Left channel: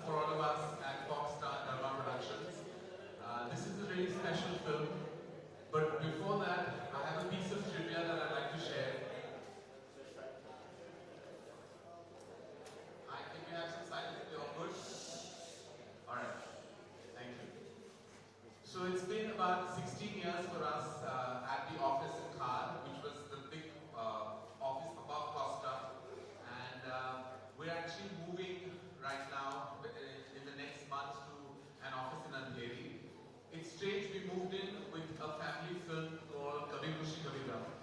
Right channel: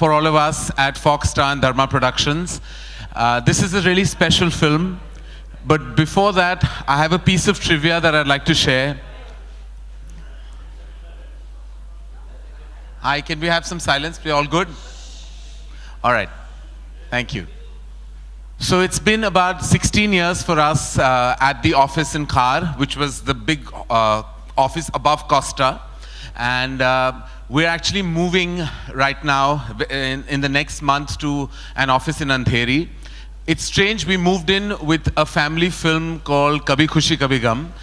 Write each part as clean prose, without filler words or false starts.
for all of us at Foxstar and Dharma Productions. This is a really special film, but before that, I have a piece of trivia that I'd like to share. Hi, can we have some silence? We all good? All right, thank you. So it's been about 16 years for us at the office in Khar, which was the big office above Costa. And we're actually moving right now in the next month to an office in Andheri. It's strange, we moved in with a family film called Kabhi Khushi Kabhi Gum.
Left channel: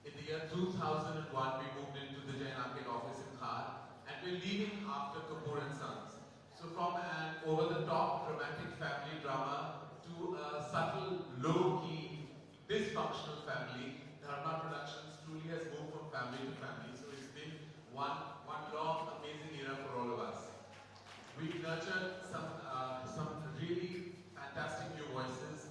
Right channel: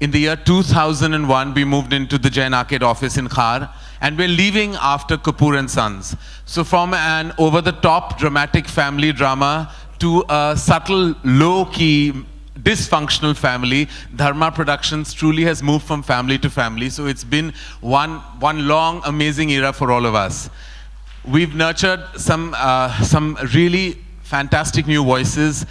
In the year 2001, we moved into the Jain Arcade office in Khar, and we're leaving after Kapoor and Sons. So from an over-the-top dramatic family drama to a subtle, low-key, dysfunctional family, Dharma Productions truly has moved from family to family. So it's been one long, amazing era for all of us. We've nurtured some really fantastic new voices,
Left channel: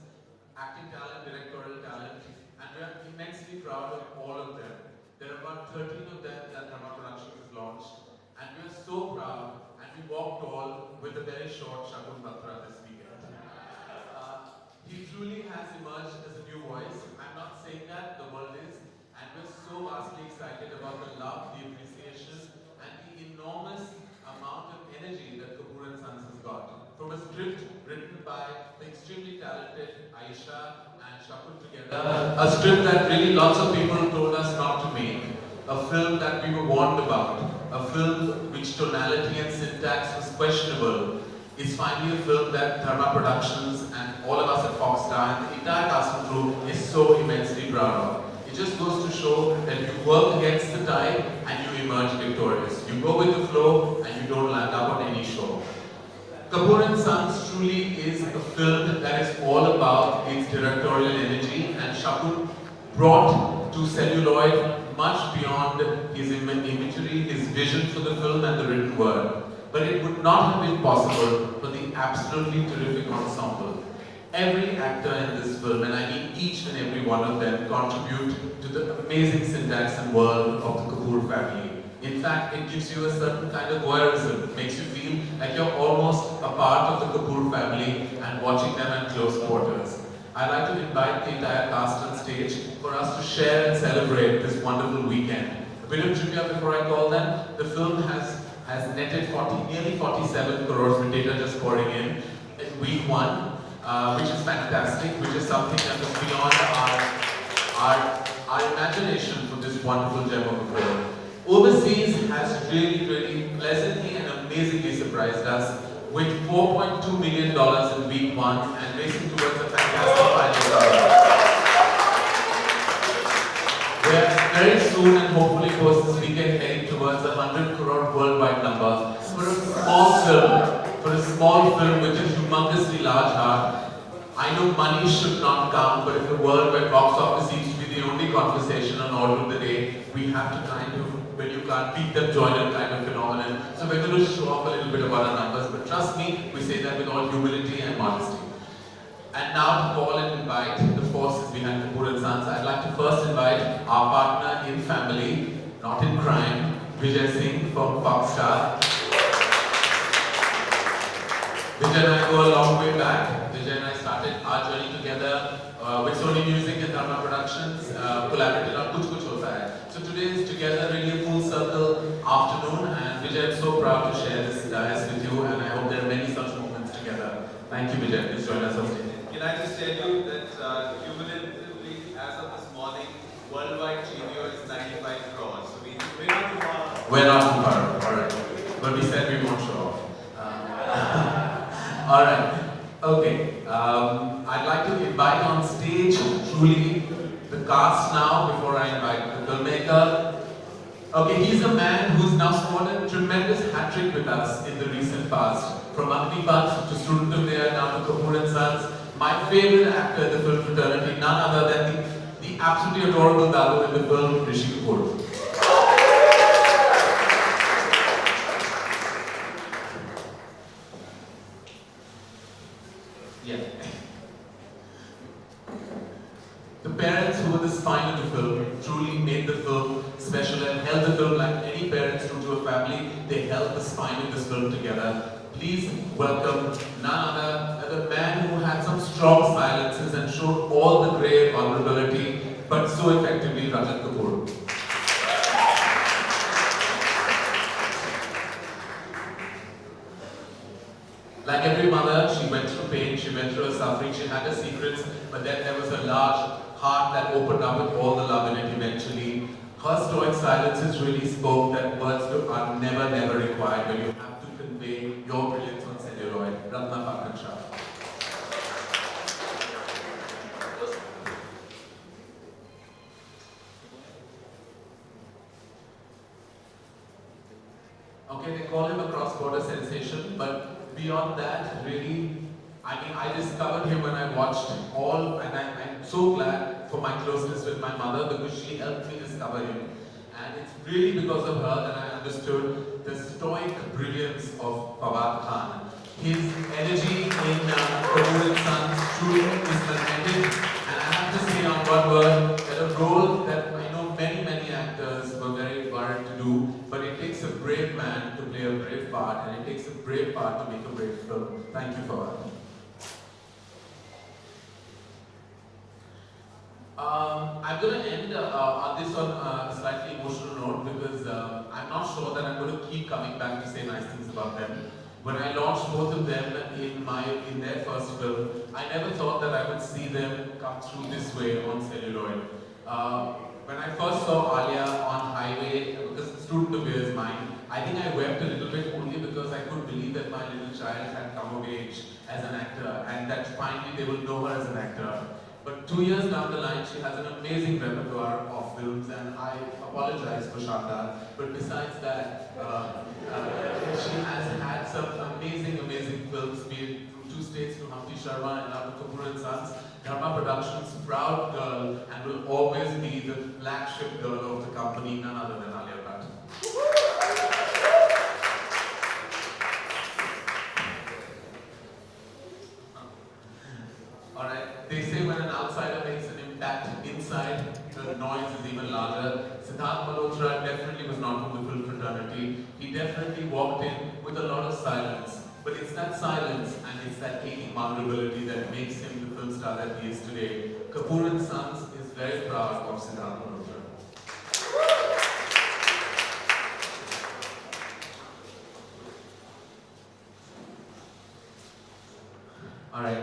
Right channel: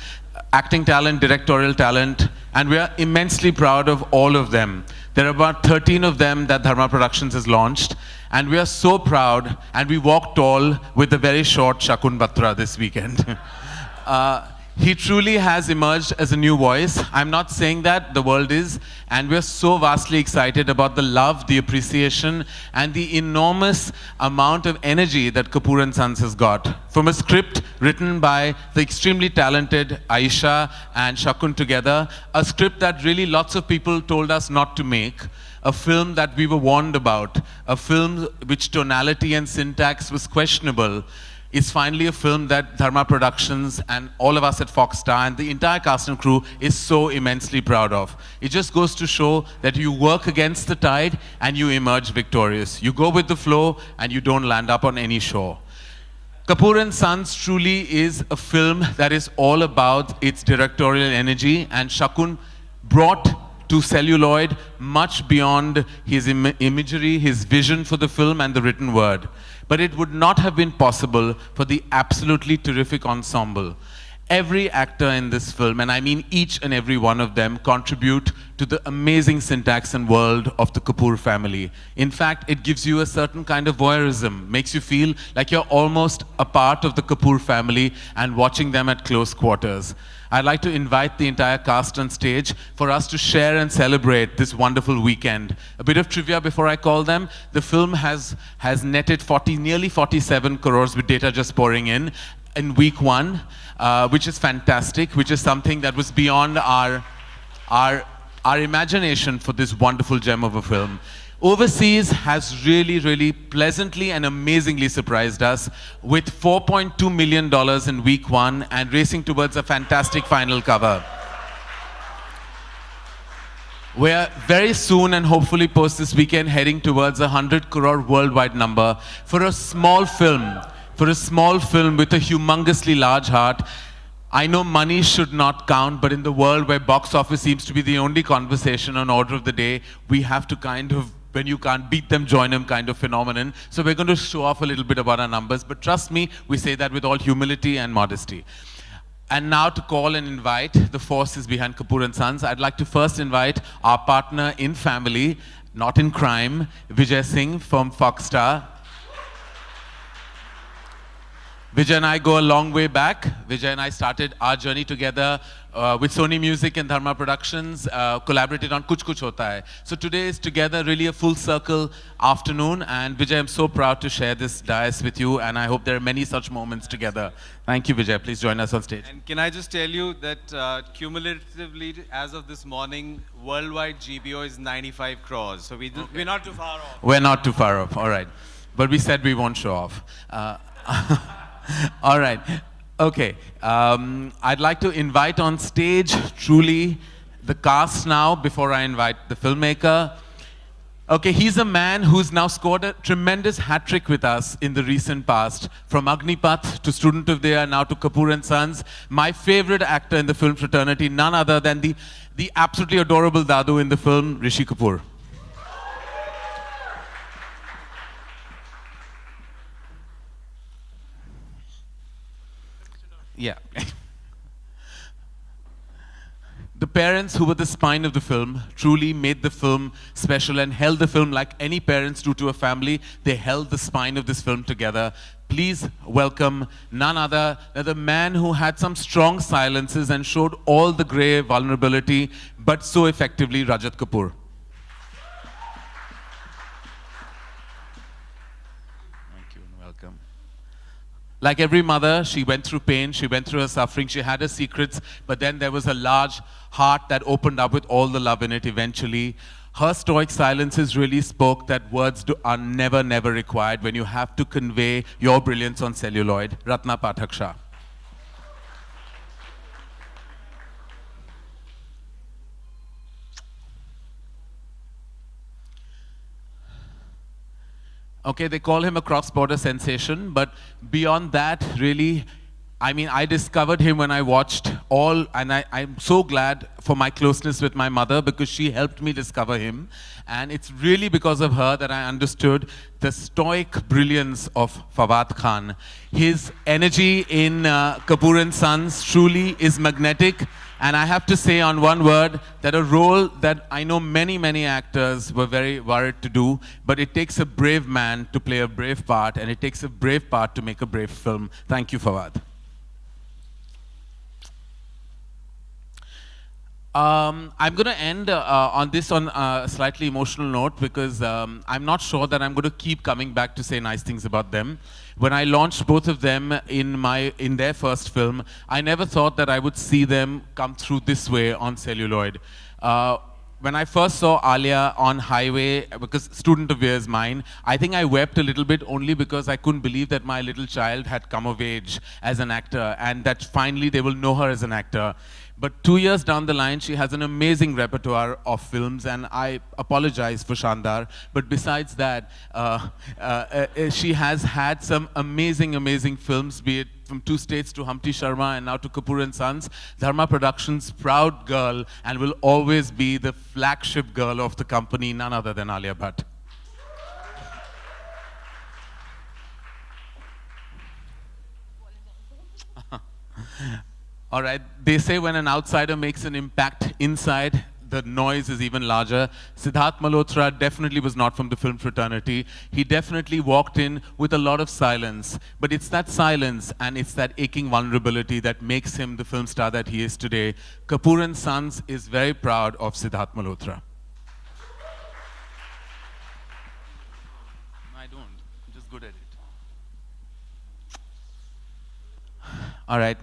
acting talent, directorial talent, and we are immensely proud of all of them. There are about 13 of them that Dharma Productions has launched, and we are so proud, and we walk tall with the very short Shakun Batra this weekend. He truly has emerged as a new voice. I'm not saying that, the world is, and we're so vastly excited about the love, the appreciation, and the enormous amount of energy that Kapoor and Sons has got. From a script written by the extremely talented Aisha and Shakun together, a script that really lots of people told us not to make, a film that we were warned about, a film which tonality and syntax was questionable, is finally a film that Dharma Productions and all of us at Foxstar and the entire cast and crew is so immensely proud of. It just goes to show that you work against the tide and you emerge victorious. You go with the flow and you don't land up on any shore. Kapoor and Sons truly is a film that is all about its directorial energy, and Shakun brought to celluloid much beyond his imagery, his vision for the film and the written word. But it would not have been possible for the absolutely terrific ensemble. Every actor in this film, and I mean each and every one of them, contribute to the amazing syntax and world of the Kapoor family. In fact, it gives you a certain kind of voyeurism, makes you feel like you're almost a part of the Kapoor family and watching them at close quarters. I'd like to invite the entire cast on stage for us to share and celebrate this wonderful weekend. A bit of trivia before I call them. The film has netted nearly 47 crores with data just pouring in week one, which is fantastic, which is something that was beyond our imagination for this wonderful gem of a film. Overseas has really pleasantly and amazingly surprised us with $4.2 million in week one and racing towards a fantastic final cover. We're very soon and hopefully post this weekend heading towards a 100 crore worldwide number for a small film with a humongously large heart. I know money should not count, but in the world where box office seems to be the only conversation on order of the day, we have to kind of, when you can't beat them, join them kind of phenomenon. So we're going to show off a little bit about our numbers, but trust me, we say that with all humility and modesty. And now to call and invite the forces behind Kapoor and Sons, I'd like to first invite our partner in family, not in crime, Vijay Singh from Foxstar. Vijay and I go a long way back. Vijay and I started our journey together with Sony Music and Dharma Productions, collaborated on Kuch Kuch Hota Hai. So today is together really a full circle afternoon, and Vijay, I'm so proud to share this dais with you, and I hope there are many such moments together. Thank you, Vijay. Please join us on stage. Can I just tell you that cumulatively, as of this morning, worldwide GBO is 95 crores. So we're not too far off. We're not too far off, all right. But we said we won't show off. All right. Okay. I'd like to invite on stage, truly, the cast now before I invite the filmmaker. Okay, he's a man who's now scored a tremendous hat-trick with us in the recent past. From Agnipath to Student of the Year, now to Kapoor and Sons. My favorite actor in the film fraternity, none other than the absolutely adorable Dadu in the film, Rishi Kapoor. Yeah. The parents who were the spine of the film truly made the film special and held the film like any parents do to a family. They held the spine of this film together. Please welcome none other than the man who had some strong silences and showed all the grey vulnerability, but so effectively, Rajat Kapoor. Like every mother, she went through pain, she went through her suffering, she had her secrets, but then there was a large heart that opened up with all the love in it eventually. Her stoic silences really spoke that are never, never required when you have to convey your brilliance on celluloid. Ratna Pathak Shah. Okay, they call him a cross-border sensation, but beyond that, really, I mean, I discovered him when I watched all, and I'm so glad for my closeness with my mother because she helped me discover him. And it's really because of her that I understood the stoic brilliance of Fawad Khan. His energy in Kapoor and Sons truly is magnetic. And I have to say on one word that a role that I know many, many actors were very worried to do, but it takes a brave man to play a brave part, and it takes a brave part to make a brave film. Thank you, Fawad. I'm going to end on a slightly emotional note because I'm not sure that I'm going to keep coming back to say nice things about them. When I launched both of them in their first film, I never thought that I would see them come through this way on celluloid. When I first saw Alia on Highway, because Student of Year is mine, I think I wept a little bit only because I couldn't believe that my little child had come of age as an actor and that finally they will know her as an actor. But 2 years down the line, she has an amazing repertoire of films, and I apologize for Shandar. But besides that, she has had some amazing, amazing films, be it from Two States to Humpty Sharma and now to Kapoor and Sons. Dharma Productions' proud girl and will always be the flagship girl of the company, none other than Alia Bhatt. All right, they say when an outsider makes an impact inside, the noise is even larger. Siddharth Malhotra definitely was not from the film fraternity. He definitely walked in with a lot of silence, but it's that silence and it's that aching vulnerability that makes him the film star that he is today. Kapoor and Sons is very proud of Siddharth Malhotra. All right.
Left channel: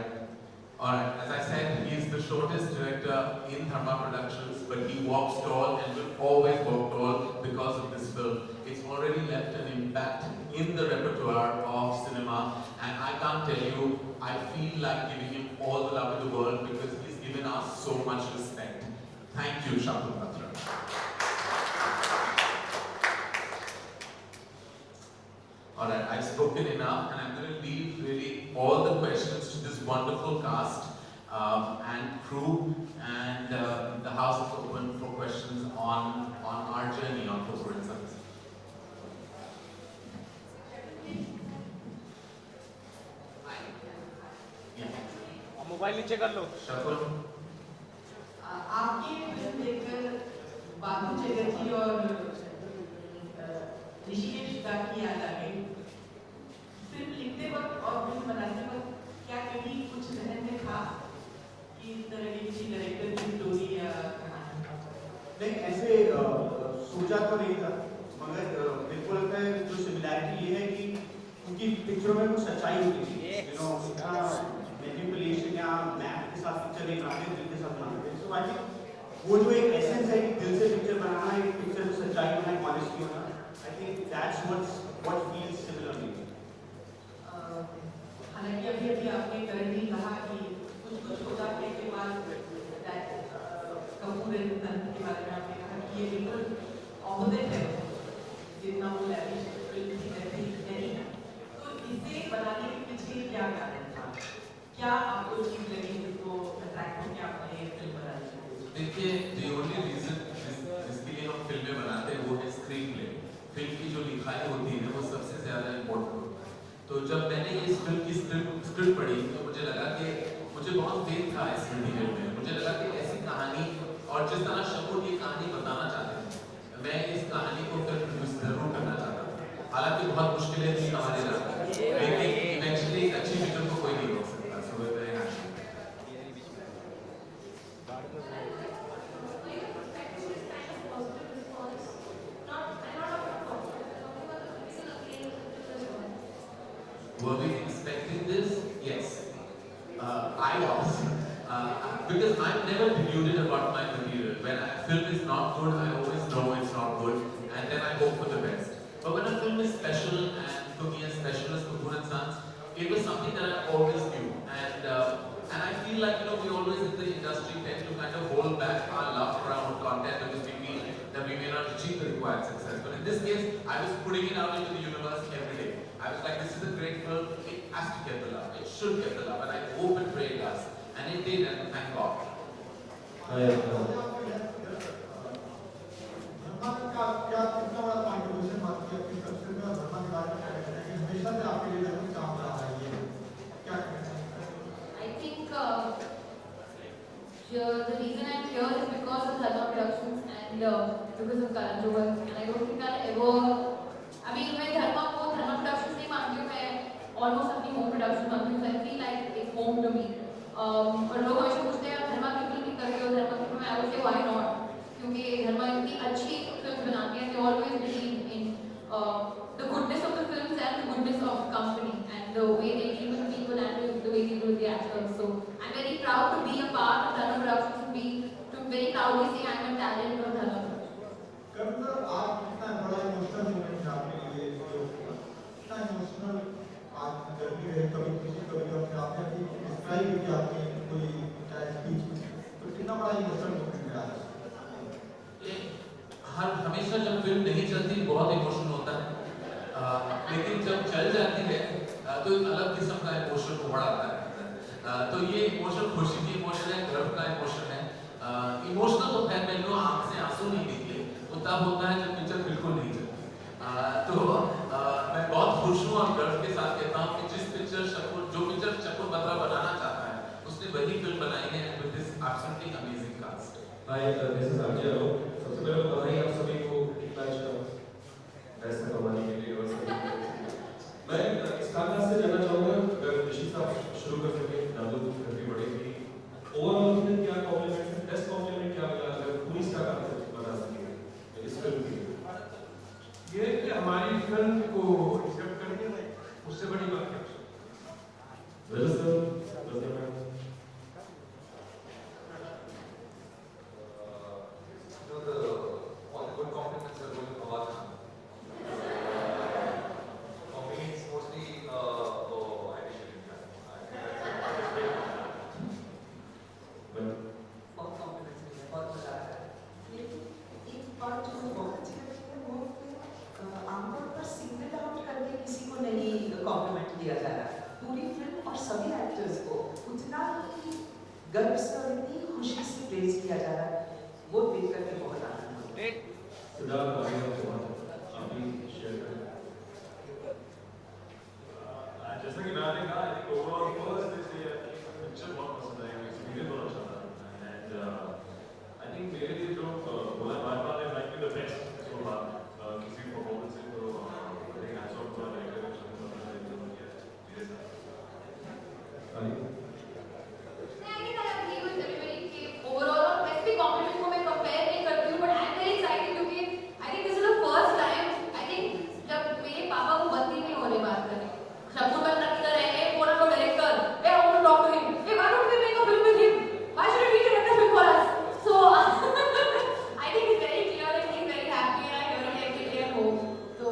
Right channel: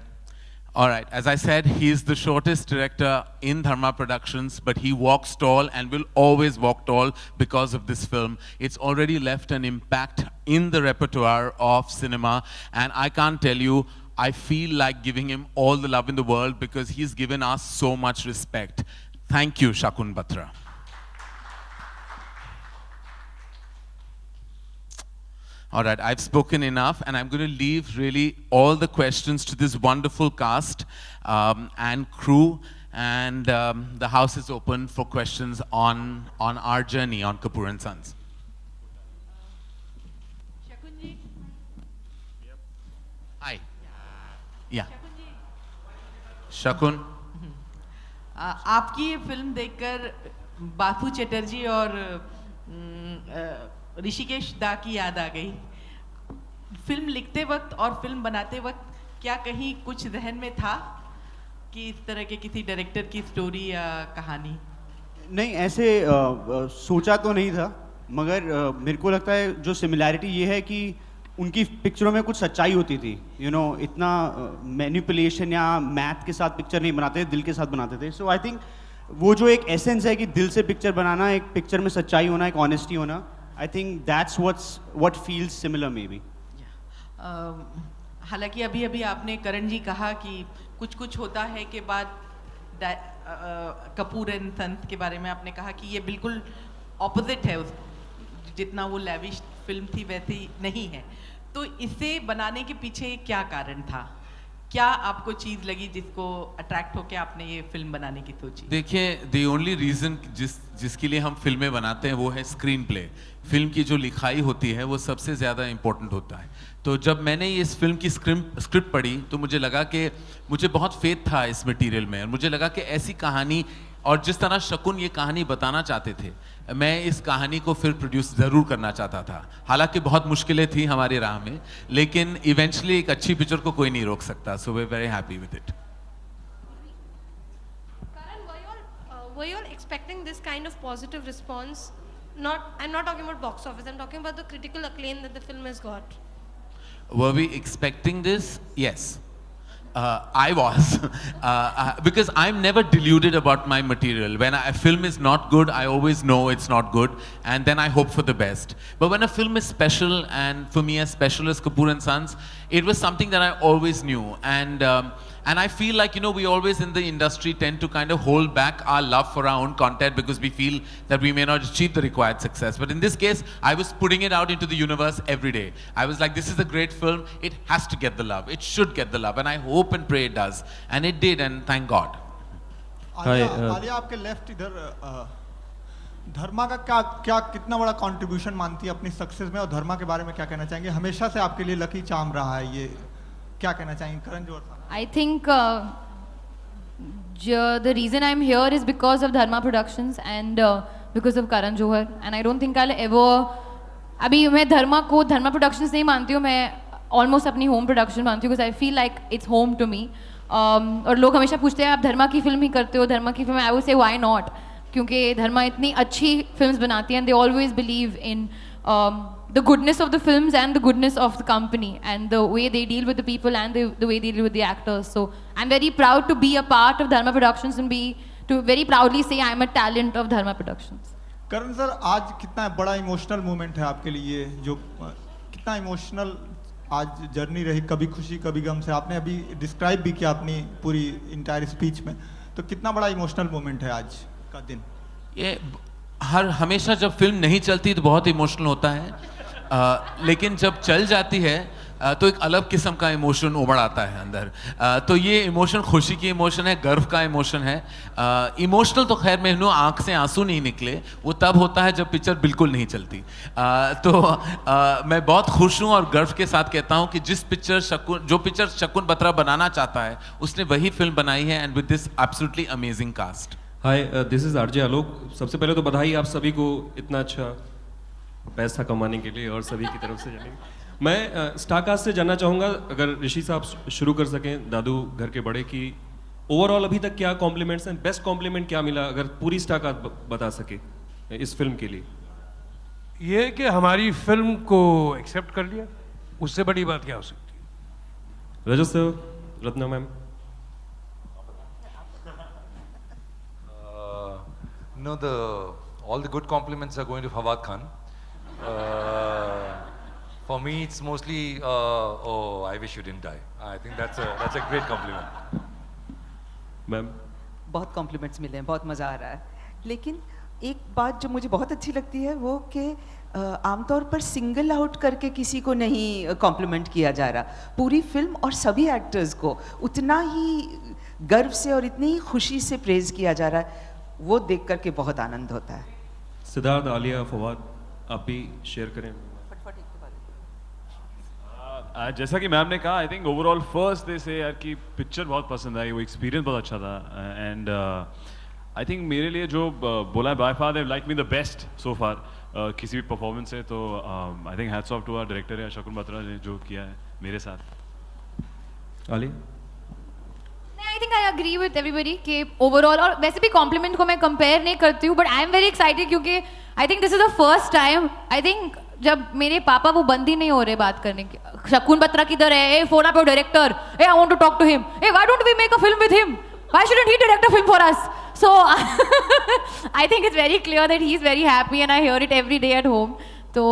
All right, as I said, he is the shortest director in Dharma Productions, but he walks tall and will always walk tall because of this film. It's already left an impact in the repertoire of cinema, and I can't tell you, I feel like giving him all the love in the world because he's given us so much respect. Thank you, Shakun Batra. All right, I've spoken enough, and I'm going to leave really all the questions to this wonderful cast and crew, and the house is open for questions on our journey on Kapoor and Sons. Hi. Yeah. Shakun. आपकी ये film देखकर बाथू चटर्जी और ऋषिकेश दा की याद आ गई। Film लिखते वक्त और फिल्म बनाते वक्त क्या कहीं कुछ जहन में था कि इस तरह के किसी डायरेक्टर की स्टोरी या कहानी? नहीं, ऐसे सोचा तो नहीं था, मगर मेरे को लगता है जो सिमिलैरिटी ये है कि उनकी पिक्चरों में कुछ सच्चाई होती थी। इतना मैनिपुलेशन या मैथ के साथ पिक्चर नहीं बनाते, दिल के साथ बनाते थे। सो आई थिंक वो जो एक एसेंस है कि दिल से पिक्चर बनाना, एक पिक्चर में सच्चाई होना, एक ऑनेस्टी होना, I think that's what feels similar maybe. हालांकि अभी आपने करण जी कहा कि कुछ होता है के बाद कपूर एंड संस के बारे में आपने कहा कि ये बिल्कुल ऑपोजिट है, जितना वो लैविश फिल्म थी वैसे ही नहीं है। तो इसे बनाने के पीछे क्या कारण था? क्या आपको चीज़ लगी जिनको अट्रैक्ट होकर आपने ये फिल्म बनाने की सोची? देखिए, the only reason जिसके लिए हम फिल्में बनाते हैं वो है स्क्रीन प्ले। फिल्म की जो लिखाई होती है वो सबसे ज़्यादा इम्पोर्टेंट होता है। तो जब मैंने इस फिल्म की स्क्रिप्ट पढ़ी तो मुझे लगा कि मुझे बहुत फेथ था इस मटेरियल में, और मुझे लगा कि ऐसी कहानी, और जिस तरह शकुन ये कहानी बताना चाहते थे, मैं इस कहानी को फिर प्रोड्यूस ज़रूर करना चाहता था। हालांकि बहुत मुश्किलें थी हमारी राह में, लेकिन इवेंचुअली एक अच्छी पिक्चर को कोई नहीं रोक सकता। So we very happy with it. Were you expecting this kind of positive response? I'm not talking about box office. I'm talking about the critical acclaim that the film has got. Were we expecting this? Yes. I was. Because I'm never deluded about my material. When a film is not good, I always know it's not good, and then I hope for the best. But when a film is special, and for me as special as Kapoor and Sons, it was something that I always knew. And I feel like, you know, we always in the industry tend to kind of hold back our love for our own content because we feel that we may not achieve the required success. But in this case, I was putting it out into the universe every day. I was like, this is a great film. It has to get the love. It should get the love. And I hope and pray it does. And it did, and thank God. Alia आपके left इधर धर्मा का क्या कितना बड़ा contribution मानती है अपनी success में, और धर्मा के बारे में क्या कहना चाहेंगे? हमेशा से आपके लिए लकी चार्म रहा है ये, क्या कहना चाहेंगे Karan Johar? I think the reason I'm here is because of Dharma Productions and because of Karan Johar, and I don't think I'll ever. अभी मैं धर्मा Productions नहीं मानती हूँ, मैं almost अपनी home production मानती हूँ because I feel like it's home to me. और लोग हमेशा पूछते हैं आप धर्मा की फिल्म ही करते हो, धर्मा की film. I would say why not? क्योंकि धर्मा इतनी अच्छी films बनाती हैं, and they always believe in the goodness of the films and the goodness of the company and the way they deal with the people and the way they deal with the actors. So I'm very proud to be a part of Dharma Productions and to very proudly say I'm a talent of Dharma Productions. Karan sir, आज कितना बड़ा emotional moment है आपके लिए, जो कितना emotional आज journey रही, कभी खुशी कभी गम से आपने अभी डिस्क्राइब भी किया अपनी पूरी इंटायर स्पीच में, तो कितना बड़ा इमोशनल मोमेंट है आज का दिन? ये हमेशा जब फिल्म नहीं चलती तो बहुत इमोशनल होता है, लेकिन जब चल जाती है तो एक अलग किस्म का इमोशन उमड़ आता है अंदर। तो ये इमोशन खुशी की इमोशन है, गर्व का इमोशन है। इमोशनल तो खैर मेनू आंख से आंसू नहीं निकले, वो तब होता है जब पिक्चर बिल्कुल नहीं चलती। मैं बहुत खुश हूँ और गर्व के साथ कहता हूँ कि जो पिक्चर शकुन बत्रा बनाना चाहता है उसने वही फिल्म बनाई है, and with this absolutely amazing cast. Hi, this is RJ Alok. सबसे पहले तो बधाई आप सभी को इतना अच्छा पैसा कमाने के लिए और सभी की तरफ से। मैं स्टारकास्ट से जानना चाहूँगा, अगर ऋषि साहब शुरू कर सकें, दादू घर के बड़े की ओवरऑल अभी तक क्या कॉम्प्लीमेंट्स हैं, बेस्ट कॉम्प्लीमेंट क्या मिला, अगर पूरी स्टारकास्ट बता सके इस फिल्म के लिए? ये कि हमारी फिल्म को एक्सेप्ट कर लिया, उससे बड़ी बात क्या हो सकती है? Rajat sir, Ratna ma'am. No, all the good compliments are going to Fawad Khan. For me, it's mostly, oh, I wish you didn't die. I think that's a great compliment. Ma'am, बहुत कॉम्प्लीमेंट्स मिले हैं, बहुत मज़ा आ रहा है। लेकिन एक बात जो मुझे बहुत अच्छी लगती है वो कि आमतौर पर सिंगल आउट करके किसी को नहीं कॉम्प्लीमेंट किया जा रहा, पूरी फिल्म और सभी एक्टर्स को उतना ही गर्व से और इतनी ही खुशी से प्रेज किया जा रहा है, वो देख करके बहुत आनंद होता है। सिद्धार्थ, आलिया, फवाद, आप भी शेयर करें। जैसा कि मैम ने कहा, I think overall first day से यार कि पिक्चर बहुत पसंद आई, वो एक्सपीरियंस बहुत अच्छा था, एंड आई थिंक मेरे लिए जो बोला है by far they like me the best so far किसी भी परफॉर्मेंस से, तो I think hats off to our director है शकुन बत्रा ने जो किया है मेरे साथ। आली? I think I agree with everybody कि overall, और वैसे भी कॉम्प्लीमेंट को मैं कंपेयर नहीं करती हूँ, but I am very excited क्योंकि I think this is the first time, I think जब मेरे पापा वो बंद ही नहीं हो रहे बात करने के, शकुन बत्रा किधर है, uh phone up your director, uh I want to talk to him, uh why don't we make a film with him, why shouldn't he direct a film for us? So I think it's very clear that he's very happy and I hear it every day at home. So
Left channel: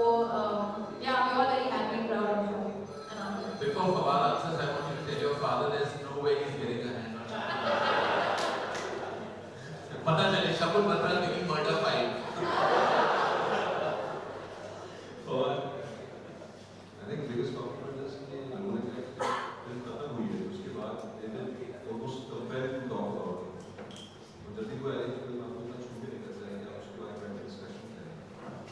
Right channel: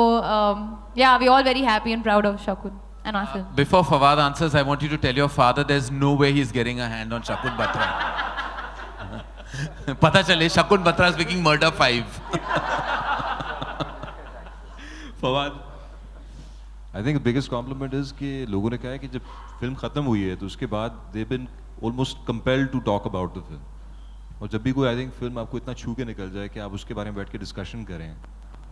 yeah, we're all very happy and proud of Shakun and our film. Before Fawad answers, I want you to tell your father there's no way he's getting a hand on Shakun Batra. पता चले Shakun Batra is making Murder 5. Fawad? I think the biggest compliment is कि लोगों ने कहा है कि जब film खत्म हुई है तो उसके बाद they've been almost compelled to talk about the film. और जब भी कोई आई थिंक फिल्म आपको इतना छू के निकल जाए कि आप उसके बारे में बैठ के डिस्कशन करें,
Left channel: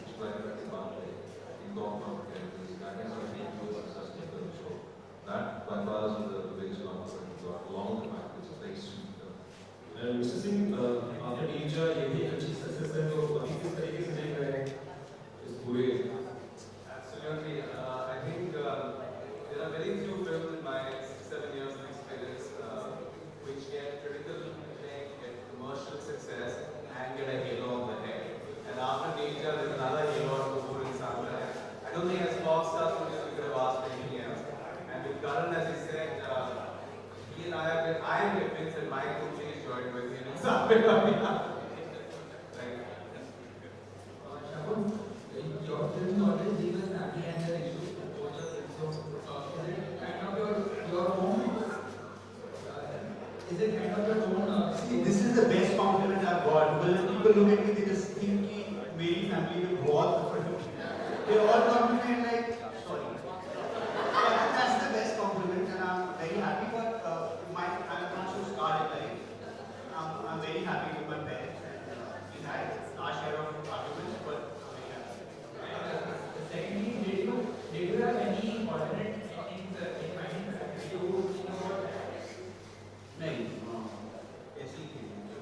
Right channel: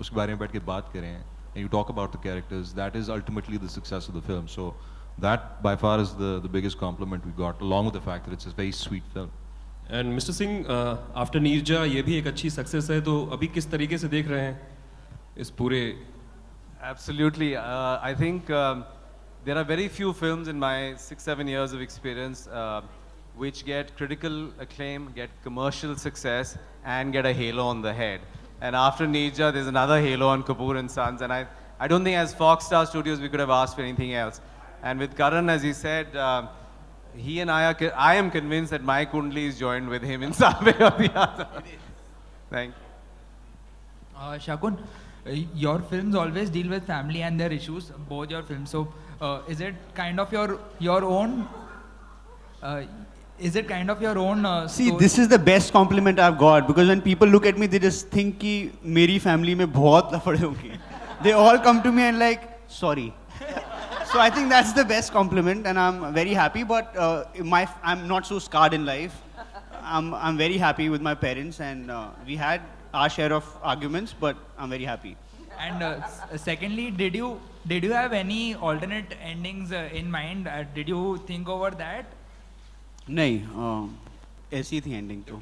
उसके बारे में बैठ के बात करें, and you talk about the characters, that is ultimately the success of the film. So that by far is the biggest compliment we got, along with the fact that it's a very sweet film. And mister Singh, after Neerja ये भी एक अच्छी success है, तो अभी किस तरीके से देख रहे हैं इस पूरे? Absolutely. I think there are very few films in my 6-7 years of experience which get critical acclaim, get commercial success, and get a halo on the head. And after Neerja, there's another halo on Kapoor and Sons. And I don't think as Fox Star Studios we could have asked for anything else. And with Karan, as he said, he and I am convinced that my Kundli is joined with him in some way or the other. Thank you. Shakun, your films always deal with family and their issues, both your films. So, is it kind of your own? Is it kind of your own? See, this is the best compliment I've got, because when people look at me, they just think कि मेरी family में बहुत लफड़े होंगे. They all come to me and like, sorry. So I think that's the best compliment, and I'm very happy. But I'm not so scarred in life. I'm very happy with my parents, and we had our share of arguments, but I'm very happy. And secondly, did you have any alternate endings in mind? Did you think over that? नहीं, ऐसी थी ending तो.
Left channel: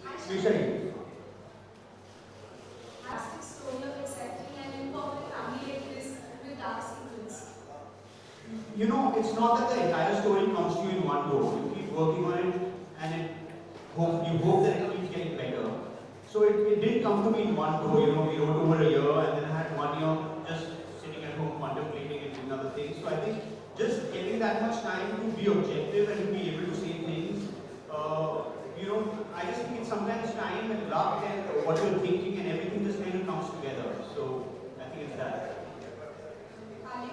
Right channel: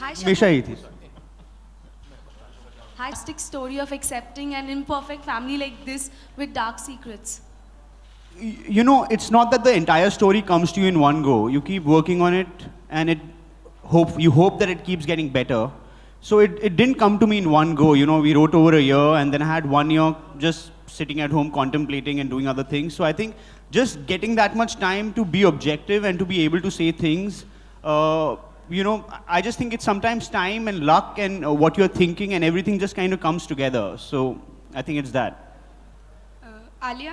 हमेशा ही थी. Stick story of accepting an imperfect family like this with dark secrets. You know, it's not that the entire story comes to you in one go. You keep working on it, and you hope that it keeps getting better. So it didn't come to me in one go. You know, we wrote over a year, and then I had 1 year just sitting at home contemplating and doing other things. So I think just getting that much time to be objective and to be able to say things, you know, I just think it's sometimes time and luck and what you're thinking, and everything just kind of comes together. So I think it's that. Alia,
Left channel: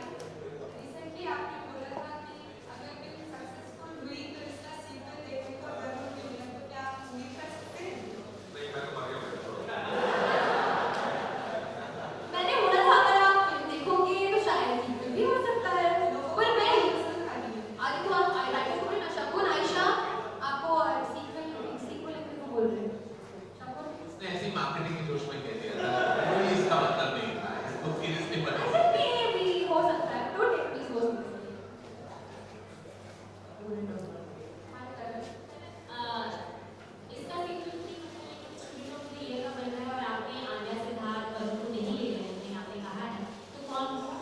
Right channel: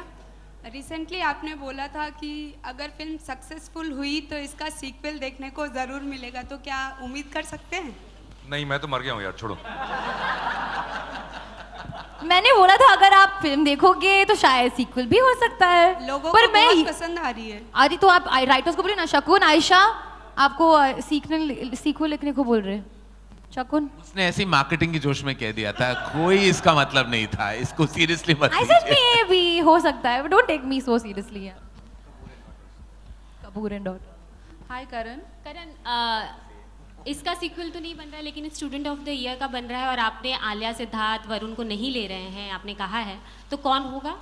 recently आपने बोला था कि अगर film successful हुई तो इसका sequel देखने को ज़रूर मिलेगा, तो क्या उम्मीद कर सकते हैं? नहीं, मैं तो मर गया हूँ यार, छोड़ो. मैंने बोला था अगर आप फिल्म देखोगे तो शायद सीक्वल भी हो सकता है. लोगों पर को मैं बहुत पसंद आ रही है. अरे तो आप राइटर्स को बोले ना. शकुन, आयशा आपको सीक्वल लिखने को बोल रहे हैं. शकुन, उसने ऐसी मार्केटिंग की जोश में कह दिया था, कोई इसका मतलब नहीं था, इसको सीरियसली मत आई सेड मे भी हो सकता है, but don't take me so seriously. Kapoor and all. Hi Karan. इसका सीक्वल तो नहीं बन रहा है, लेकिन स्टूडेंट ऑफ द ईयर का बन रहा है, और आपने आलिया, सिद्धार्थ, वरुण को नहीं ले रहे हैं, आपने कहा है, तो कौन होगा?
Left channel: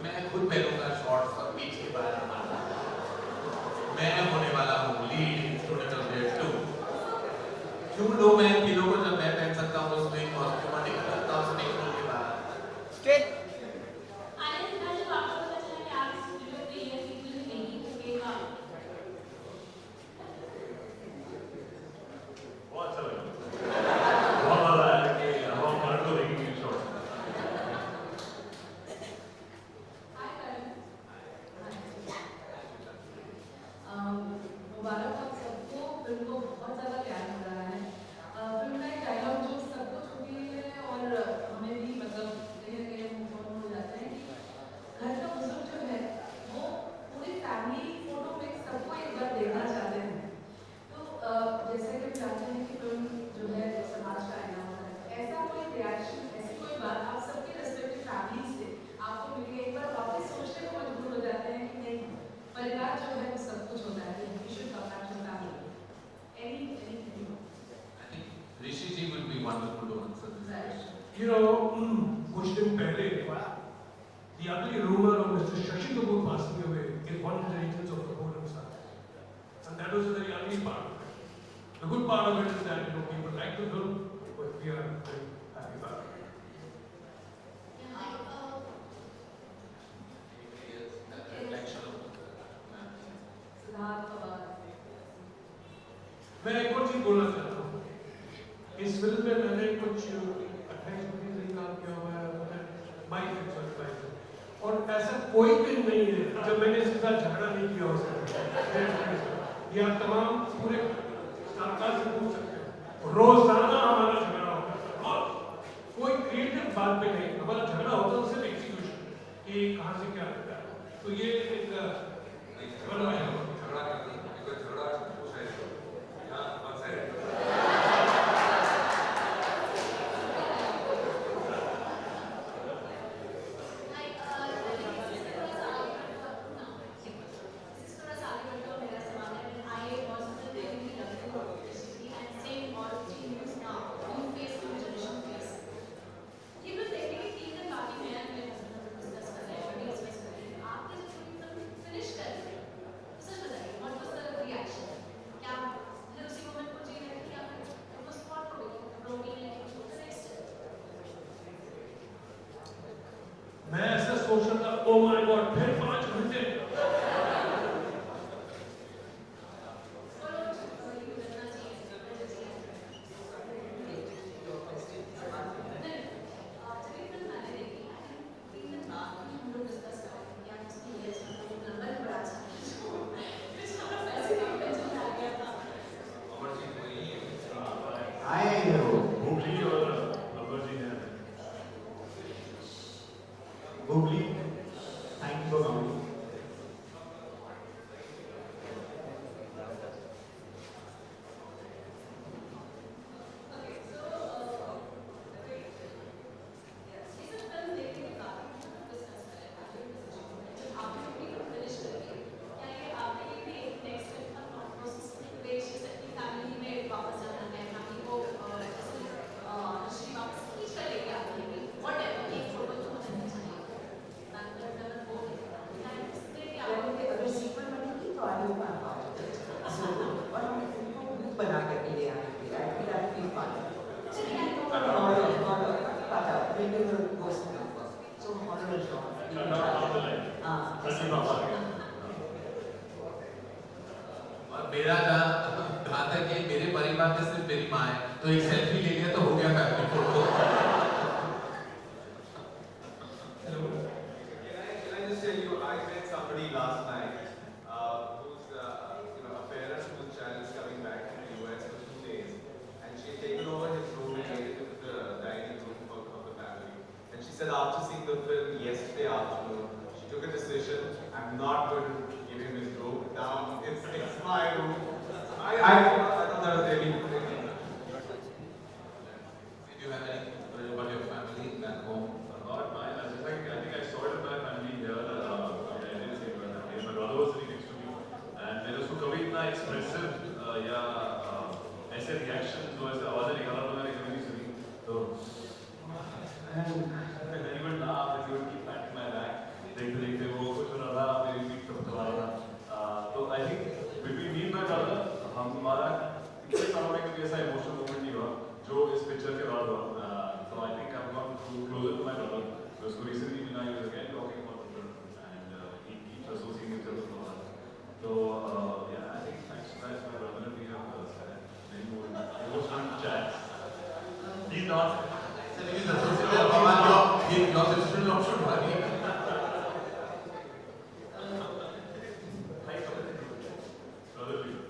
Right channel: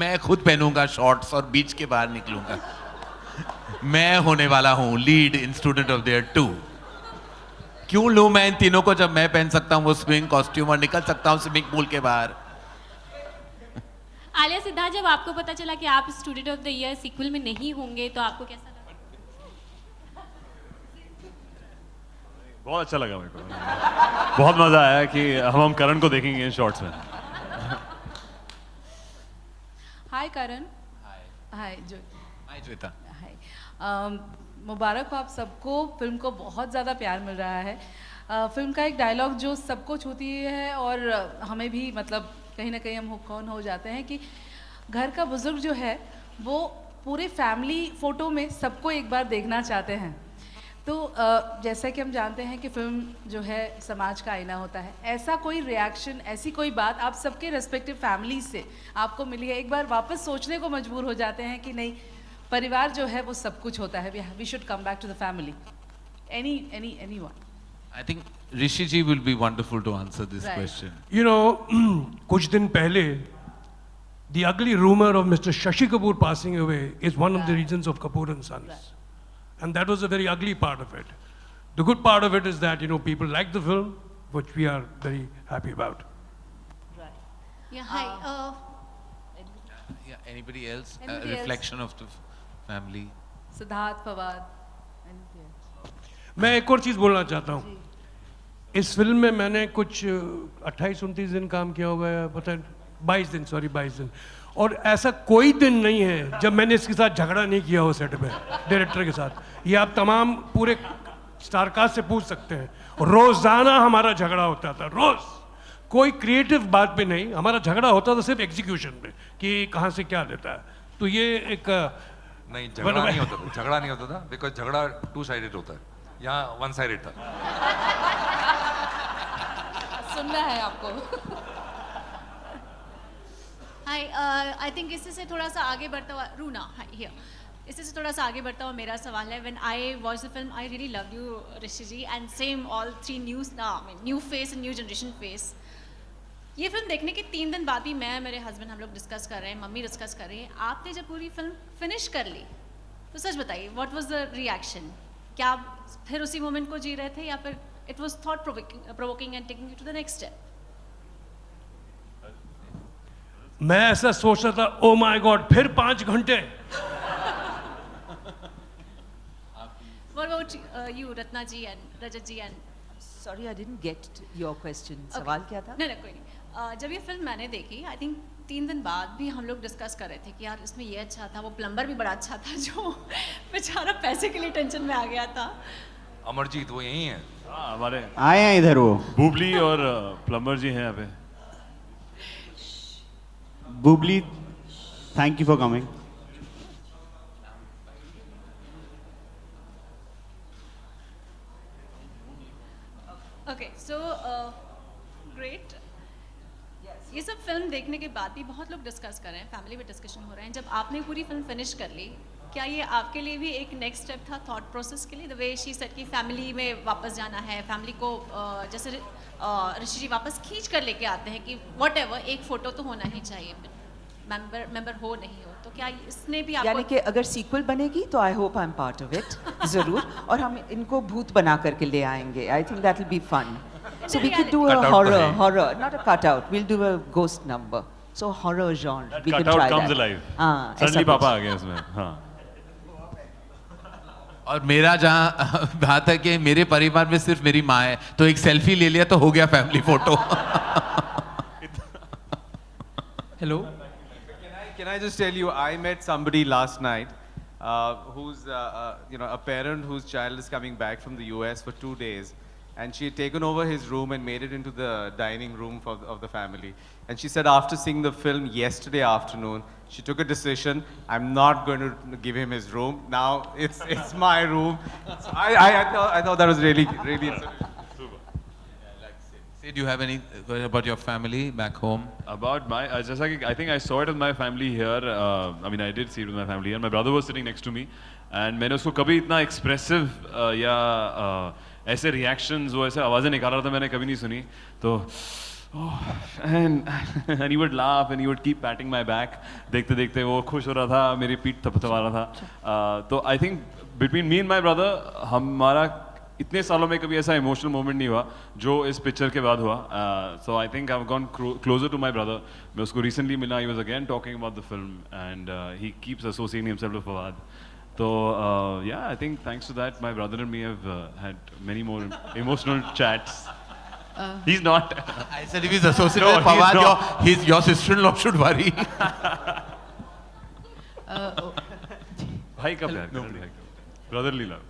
मैं खुद पहनूंगा शॉर्ट्स और बीच के बाहर निकलूंगा. मैं होने वाला हूँ lead in student of the year 2. क्यों लूं मैं इन तीनों को जब मैं पहन सकता हूँ वो स्विमिंग कॉस्ट्यूम और निकल सकता हूँ स्विमिंग पूल के बाहर. आलिया, सिद्धार्थ, जब आपको पता चला कि आप student of the year sequel में नहीं होंगे तो आपको कैसा लगा? बहुत अच्छा लगा मुझे. बहुत मजा आया कि हम करण को देखेंगे शॉर्ट्स में. हाय करण. हाय श्वेता. मुबारक हो आप सबको. फिल्म को बहुत ज़्यादा प्यार मिल रहा है. फिल्म का एक डायलॉग जो सबको छूती है और हमें भी मतलब कहीं ना कहीं हम कौन हो जाते हैं कि घर का बुजुर्ग जो है वो पूरे फैमिली फ़ोटो में सबको एक बार देखना चाहते हैं. तो जैसा कि हम जानते हैं कि फिल्म जो है समाज का आईना होता है. ऐसा कोई रिएक्शन, ऐसी कोई बात आप सबके रेस्पेक्टिव फैमिली से आपको मिली है? एक बार वापस सोचने को मजबूर हो जाते हैं कि नहीं, परिवार जो है वो सब कुछ होता है. We should come back to the family. Anyone? I think Rishi ji will be wonderful to answer this question. You know, कुछ दिन पहले, the ugly rumor of Mr. Shashi Kapoor passing away is one of the reasons of Kapoor and Sons. And that was a very ugly part of it. The good part of it is that, you know, people like the film, which we are very happy about. Yeah, hi. Anybody else? Anybody Reflection of the family. Siddharth, Fawad. मैं एक और चीज़ बोलना चाहता हूँ. इस film में मैंने कुछ 28-29 दिन काम किया होगा, पता 22 दिन. और ऐसा कोई दिन नहीं है जब मैंने इसके साथ झगड़ा नहीं किया हो सेट पे, डायरेक्टर के साथ. ये आप तमाम पूरे स्टारकास्ट से पूछ सकते हैं. रोज़ाना हमारा झगड़ा होता था, रोज़. कोई क्रिएटिव बात पे नहीं, हमारा झगड़ा होता था सिर्फ एग्जीक्यूशन पे कि कहाँ से क्या देता है. तो ये एक नहीं, झगड़ा नहीं होता था, बिकॉज झगड़ा 2 साइडेड होता है, यहाँ 1 साइडेड था. सुनना है आपको. Hi, आई थिंक इसी से थोड़ा सा आगे बढ़ता हुआ रूना हियर इसी से थोड़ा सा आगे बढ़ता हुआ मेरा सवाल है when I watch the film I really love you Rishi ji and same all three new face and new generation face. ये फिल्म देखने के 3 दिन बाद भी मैं मेरे हस्बैंड हम लोग डिस्कस कर रहे हैं, मम्मी डिस्कस कर रही हैं, आपने जब पूरी फिल्म फिनिश कर ली तो सच बताइए व्हाट वाज द रिएक्शन? क्या आप फिर उसी मोमेंट को जी रहे थे या फिर it was thought provoking and taking to the next step? मैं ऐसा सोच रहा था, ओ माय गॉड फिर 5 घंटे। What about you, Ratna ji and Rajat ji and? Sorry, I didn't get your question. सवाल क्या था? नहीं, जब ये फिल्म मैंने देखी, आई थिंक 3 दिन बाद भी हम लोग डिस्कस कर रहे थे कि यार इसमें ये अच्छा था, वो प्लम्बर भी बड़ा अच्छा था जो बेचारा पैसे के लिए टेंशन में आ गया था। अमरजीत वो यही है? हाँ, हमारे आए हैं इधर वो बुबली और प्लम्बर जी हैं यहाँ पे। Bubli, thank you for coming. Okay so great. ये सब फिल्म देखने के बाद भी बहुत लोग डिस्कस कर रहे हैं, फैमिली में डिस्कशन हो रहे हैं, जब आपने पूरी फिल्म फिनिश कर ली क्या ये आपके लिए भी एक नेक्स्ट स्टेप था थॉट प्रोसेस के लिए? द वे शी सेड कि फैमिली में वापस जाना है, फैमिली को जैसे ऋषि जी वापस खींच कर लेके आते हैं कि व्हाटएवर एक फोटो तो होना ही चाहिए, मेंबर हो नहीं, तो क्या इसने भी यानी कि अगर सीक्वल बनेगी तो I hope I am part of it ज़रूर, और हम इनको भूत बना करके ले आएंगे। I think that will be fun. So we could do a horror, not a cutout. We'll do a ghost number. So horror genre. We could try that. Cutout comes alive. हाँ, Suddenly पापा आ गए इसमें। हाँ। और मेरा जहाँ तक है मेरे परिवार में सिर्फ मेरी माँ है, तो एक सेल्फी ले लिया तो हो गया family photo. Hello. Can I just tell you, I met somebody last night who's a parent whose child is coming back from the US for 2 days. And she had taken over his room and made it into the dining room of the family. And she said after seeing the film yesterday afternoon, she took a decision, I'm not going to give him his room. Now it's my room. I thought that was really, really... Do you have any about your family back home? About my, just like I think I saw it with my family here. I mean, I did see it with my family here. My brother was sitting next to me, and मैंने उसको कभी इतना expressive या ऐसे reactions वो ऐसे आवाज़ें निकाल रहा था मैंने कभी नहीं सुनी। तो and he would laugh and he would keep patting my back. देखते देखते वो खुश हो रहा था, मेरी पीठ थपथपा रहा था। तो I think between me and my brother हमारा इतने सालों में कभी ऐसा इमोशनल मोमेंट नहीं हुआ जो इस पिक्चर के बाद हुआ। So I think I have gone closer to my brother. मैं उसको रिसेंटली मिला, he was again talking about the film and he keeps associating himself with Fawad. तो yeah I think thanks to that my brother and me have had many more emotional chats. He is not, I said if he's associated with Fawad, your sister-in-law should worry. भाई का प्यार, brotherly love.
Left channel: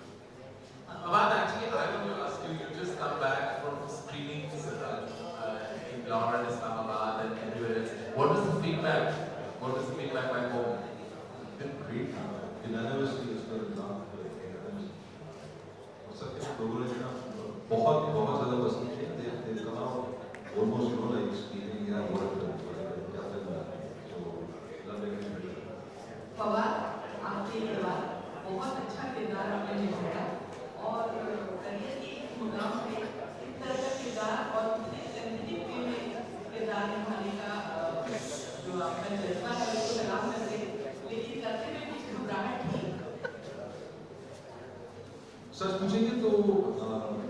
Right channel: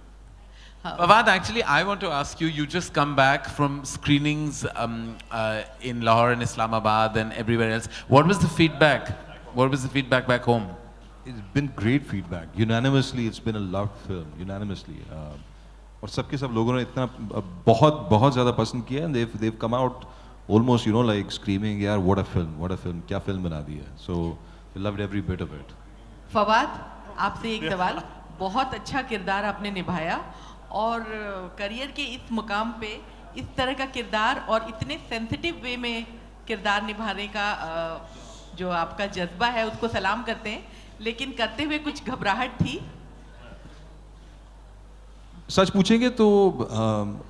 Fawad, actually, I want to ask you, you just come back from screenings in Lahore and Islamabad and everywhere else. What was the feedback? What was the feedback back home? It's been great feedback. Unanimously, it's been a loved film. Unanimously. और सबके सब लोगों ने इतना बहुत ज़्यादा पसंद किया and they've come out almost like screaming, यार what a film, क्या फिल्म बना दी है. So we loved every bit of it. Fawad, आपसे एक सवाल, बहुत अच्छा किरदार आपने निभाया और करियर के इस मुकाम पे इस तरह का किरदार और इतने सेंसिटिव वे में किरदार निभाने का जो आपका जज्बा है उसको सलाम करते हैं, लेकिन करते हुए कुछ घबराहट थी? सच पूछेंगे तो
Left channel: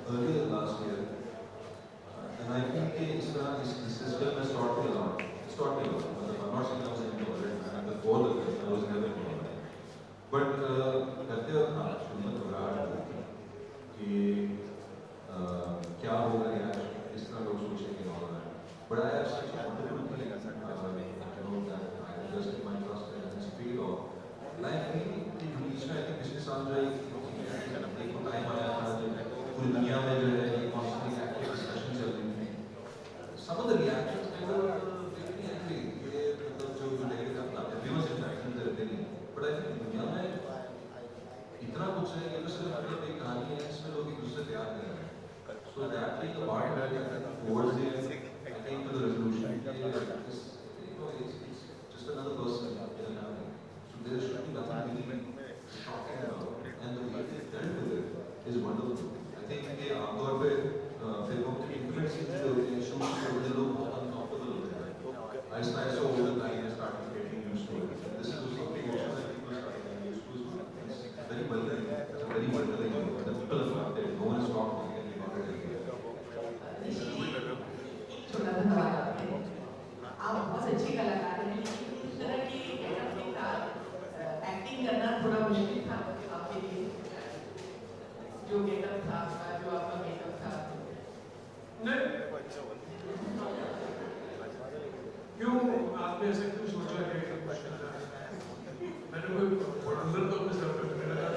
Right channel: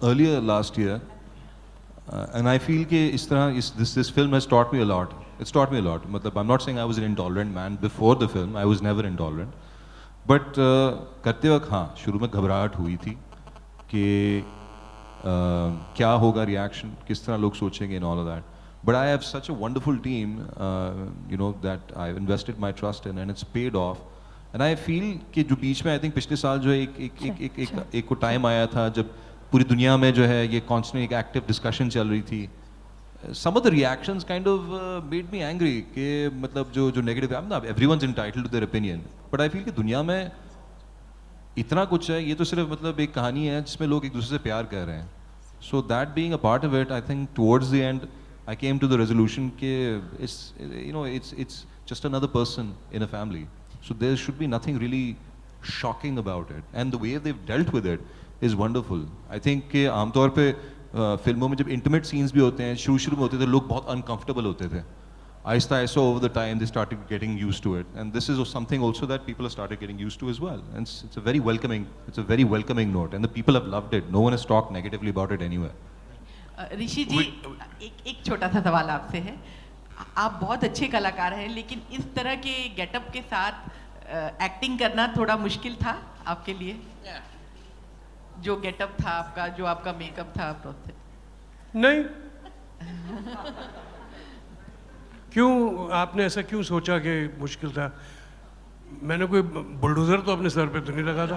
earlier last year and I feel कि इस तरह this film has taught me a lot. It's taught me a lot. मतलब I'm not saying I was an intolerant man before the film. I was never intolerant. But करते वक्त हाँ शुरू में घबराहट हुई थी कि क्या होगा reaction, किस तरह लोग सोचेंगे and all of that. But I have such a wonderful team, that I've invested my trust in and it's paid off. And I feel कि जो बीच में I think पिछले साल जो एक को टाइम आया था जब पूरी दुनिया में जो है ये constantly एक active discussion चल रही थी. Some of the reactions kind of made me angry कि मतलब जो negative है ना, everyone's entitled to their opinion. But I feel कि दुनिया में इतना कुछ है, ये तो सिर्फ मतलब एक कहानी है जिसमें लोग एक दूसरे से प्यार कर रहे हैं. So that being a part of it, I think towards the end I came to the resolution कि it's just another person in a family. So there should be nothing really shocking about it. And the way they've dealt with it is wonderful. I think कि आमतौर पे फिल्मों में जब intimate scenes भी होते हैं, शुरू में होते थे, लोग बहुत uncomfortable होते थे. Aahista Aahista over the time they started getting used to it, and this is something also that people have started getting used to as well. And it's a very welcoming note, and the people have loved it. No one has talked negatively about it anywhere. ऋषि जी, एक छोटा सा सवाल आपसे है. आप बहुत अच्छे कलाकार हैं, लेकिन इस तरह के गेटअप के साथ एक्टिंग करना थोड़ा मुश्किल था आपके लिए? जो गेटअप था आपका, जो आपका मेकअप था नहीं. क्यों आपने ऐसा क्यों सोचा कि मुश्किल था? मैंने कोई बुलडोजर तो अपने सर पे तो नहीं लगा था.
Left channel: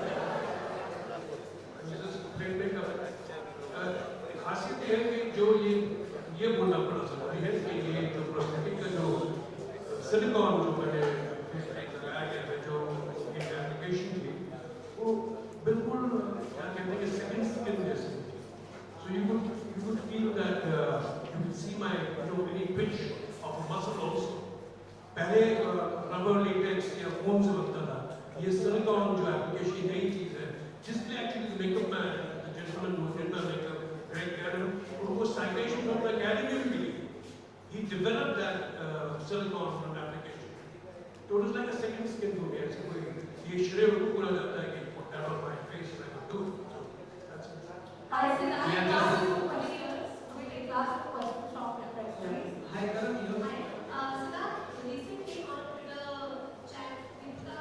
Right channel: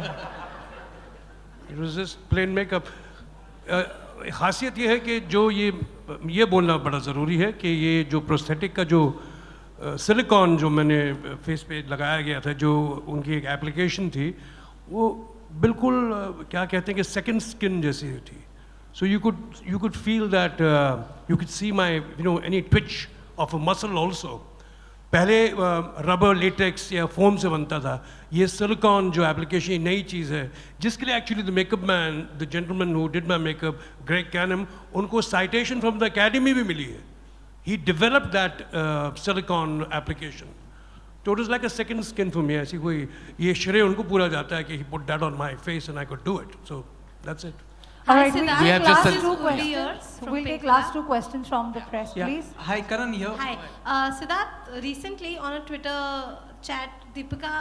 It was just plain makeup. खासियत ये है कि जो ये बोलना बड़ा ज़रूरी है कि ये जो प्रोस्थेटिक का जो सिलिकॉन जो मैंने फेस पे लगाया गया था, जो उनकी एक एप्लीकेशन थी, वो बिल्कुल क्या कहते हैं कि सेकंड स्किन जैसी थी. So you could feel that you could see my any Twitch of a muscle also. पहले रबर लेटेक्स या फोम से बनता था. ये सिलिकॉन जो एप्लीकेशन नई चीज़ है, जिसके लिए actually the makeup man, the gentleman who did my makeup, Greg Cannom, उनको साइटेशन फ्रॉम द अकेडमी भी मिली है. He developed that silicon application. So it was like a second skin for me. ऐसी कोई ये श्रेय उनको पूरा जाता है कि he put that on my face and I could do it. So that's it. All right, We have just we'll take last two questions from the press, please. Hi, Karan here. Hi. Siddharth, recently on a Twitter chat, Deepika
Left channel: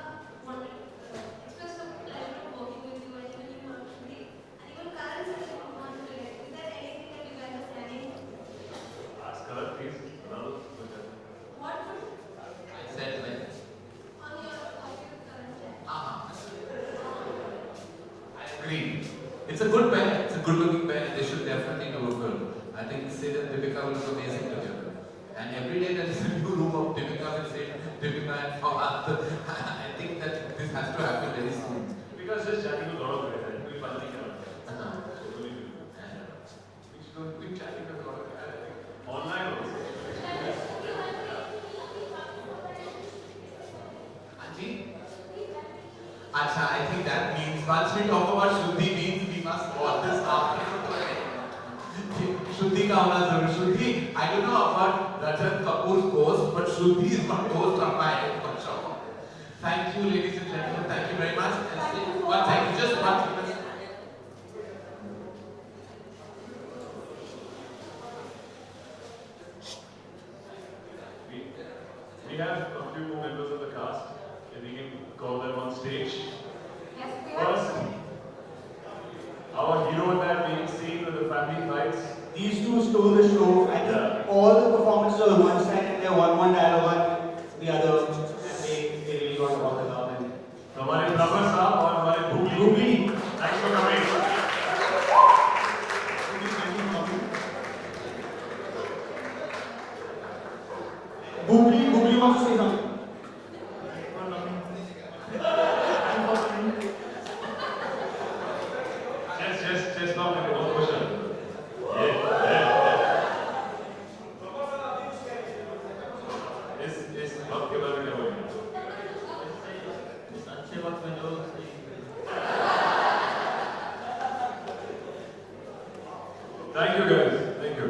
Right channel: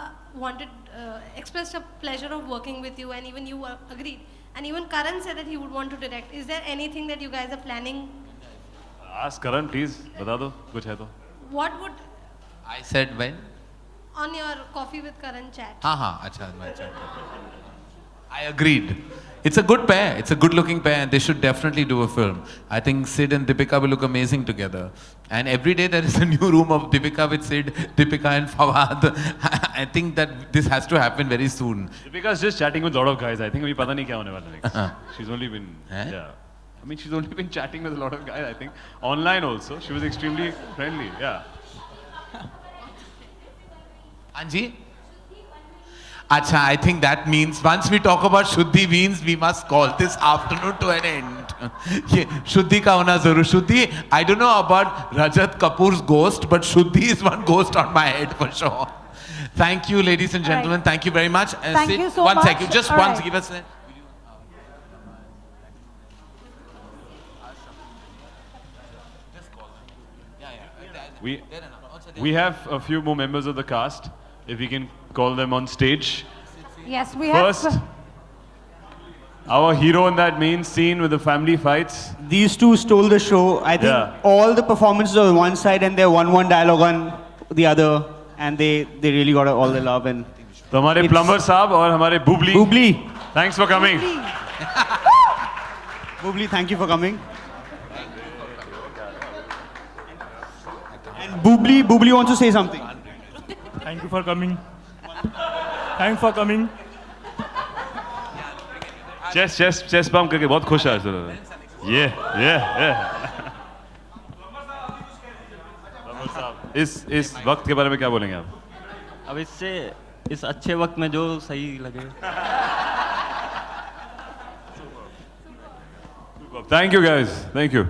expressed a pleasure of working with you, and even you agreed. And even Karan said that he would want to direct. Is there anything that you guys are planning? Ask Karan, please. बता दो कुछ है तो. What would I said when? on your Coffee with Karan chat? अच्छा. I agreed. It's a good pair. It's a good-looking pair, and they should definitely do a film. I think Sid and Deepika will look amazing together. And every day there is a new room of Deepika with Sid, Deepika and Fawad. I think that this has to happen very soon. Deepika's just chatting with a lot of guys. I think अभी पता नहीं क्या होने वाला है. She's only been yeah. I mean, she's only been chatting with a lot of guys. I think online also. She was extremely friendly. Yeah. Anji? Acha, I think that means once we talk about Shuddhi means we must call this afternoon to an end. ये Shuddhi का होना जरूर. Shuddhi, I don't know about Rajat Kapoor's ghost, but Shuddhi is one ghost on my head for sure. Thank you, ladies and gentlemen. Right. Thank you very much. Thank you so much. One second, just All once, right. give us a... We have a few more members of the cast. If we can call them on stage. Yes, we have. First, our hero in that main scene with the family fights. These two stole the show. I think all the performances are on one side and their one dialogue on the other, and they really got all the love. And तो हमारे plumber साहब और हमारे Bubli. Thanks for coming. Bubbly, thank you for coming. And Bubbly wants to say something. Thank you for coming. Thanks for coming. Chest bump करके बहुत खुश है आज. Yeah. इस वक्त के बारे में क्या बोलेंगे आप? अब इससे इस अच्छे वक्त में जो सही लगे. Thank you guys. Thank you.